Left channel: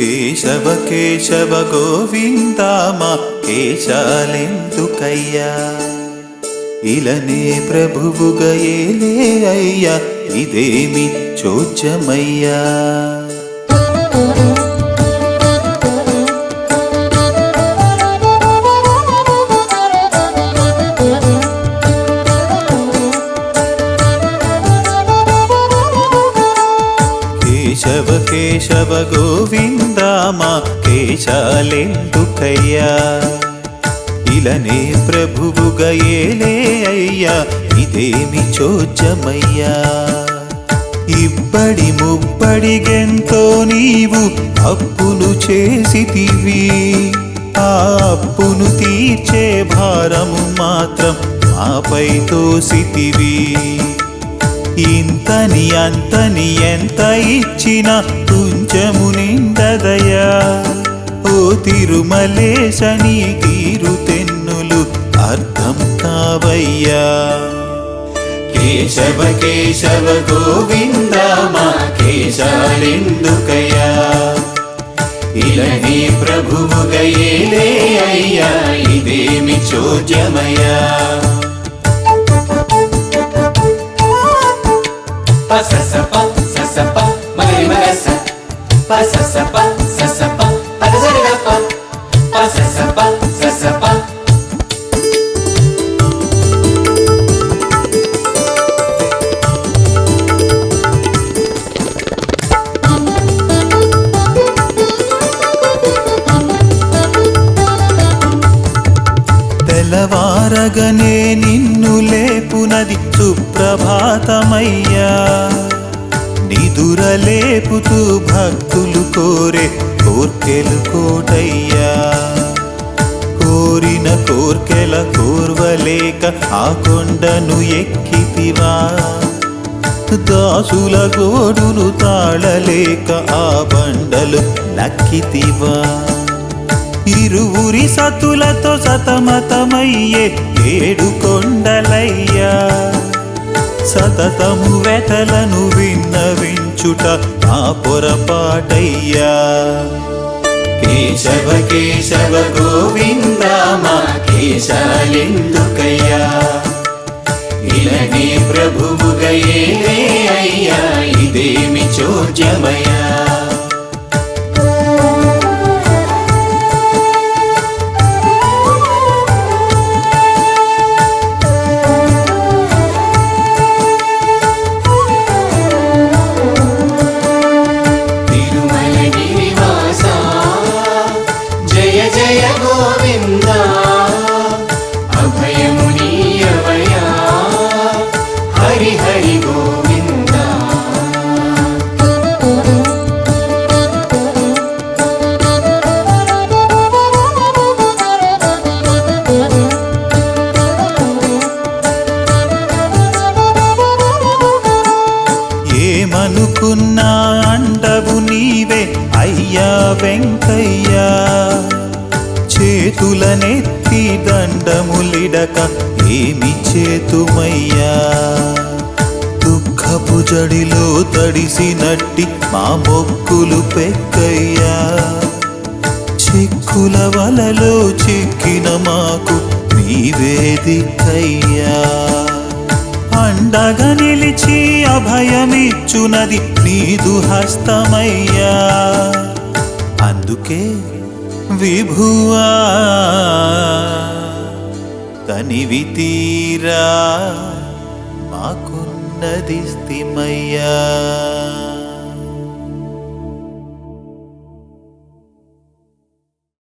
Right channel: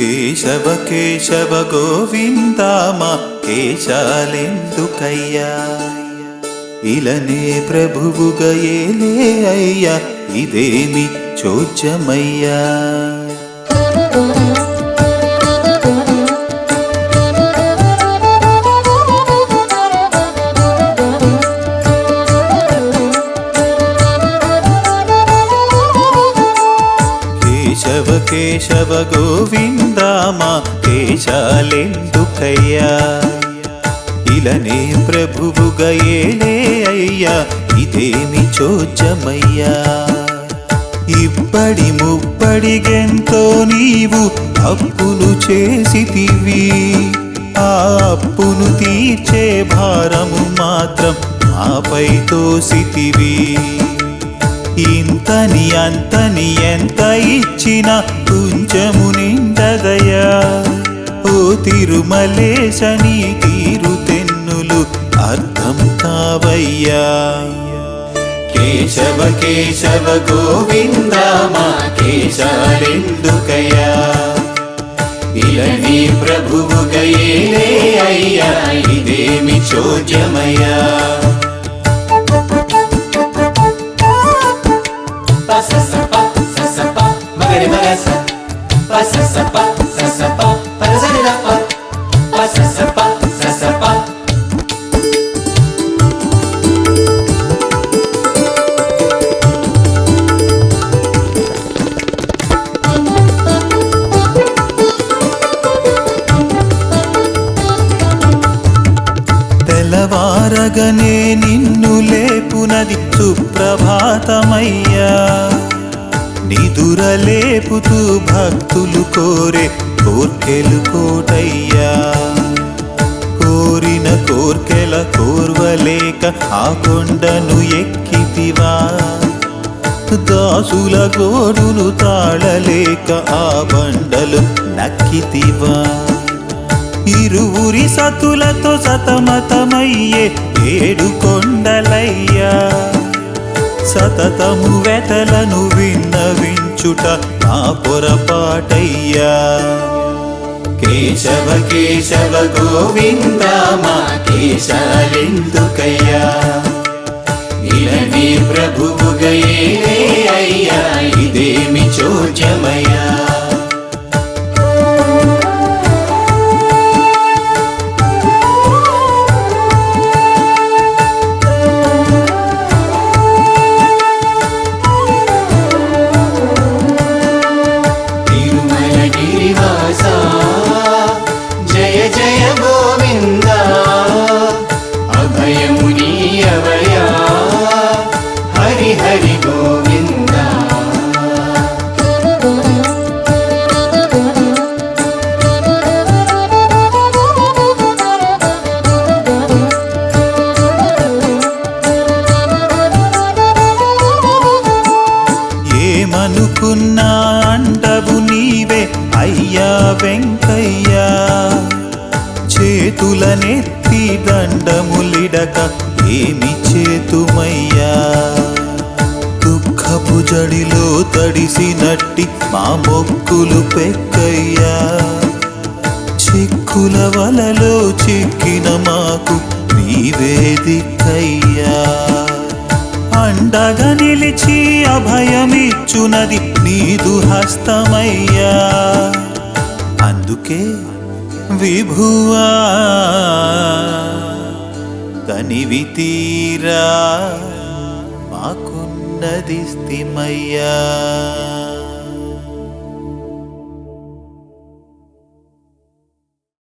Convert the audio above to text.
కేశవ కేశవ గోవింద మా కేశాలెందుకయ్యా ఇలనే ప్రభువుగా ఏలే అయ్యా ఇదేమి చోద్యమయ్యా కేశవ కేశవ గోవింద మా కేశాలెందుకయ్యా ఇలనే ప్రభువుగా ఏలే అయ్యా ఇదేమి చోద్యమయ్యా ఇబ్బడి ముబ్బడిగెంతో నీవు అప్పులు చేసితివి ఆ అప్పును తీర్చే భారము మాత్రం మాపై తోసితివి ఇంతని అంతని ఎంత ఇచ్చినా కొంచెము నిండదయా ఓ తిరుమలేశని తీరు తెన్నులు అర్థం కావయ్యా కేశవ కేశవ గోవింద మా కేశాలెందుకయ్యా ఇలనీ ప్రభువుగా ఏలే అయ్యా ఇదేమి చోద్యమయ్యా తెల్లవారగనే నిన్ను లేపునది సుప్రభాతమయ్యా నిదురలేపుతూ భక్తులు కోరే కోర్కెలు కోటయ్యా కోరిన కోర్కెల కోర్వలేక ఆ కొండను ఎక్కితివా దాసుల గోడులు తాళలేక ఆ బండలు నక్కితివా ఇరువురి సతులతో సతమతమయ్యే ఏడు కొండలయ్యా సతతము వెతలను విన్నవించుట మా పొరపాటయ్యా కేశవ కేశవ గోవింద మా కేశాలెందుకయ్యా ఇలనీ ప్రభువుగా ఏలే అయ్యా ఇదేమి చోద్యమయ్యా ఏమనుకున్నా అండవు నీవే అయ్యా వెంకయ్యా చేతులనెత్తి దండములిడక ఏమి చేతుమయ్యా దుఃఖపు జడిలో తడిసినట్టి మా మొక్కులు పెక్కయ్యా చిక్కుల వలలో చిక్కిన మాకు నీవే దిక్కయ్యా అండగా నిలిచి అభయమిచ్చునది నీదు హస్తమయ్యా అందుకే విభువా తనివి తీరా మాకున్నది స్థిమయ్యా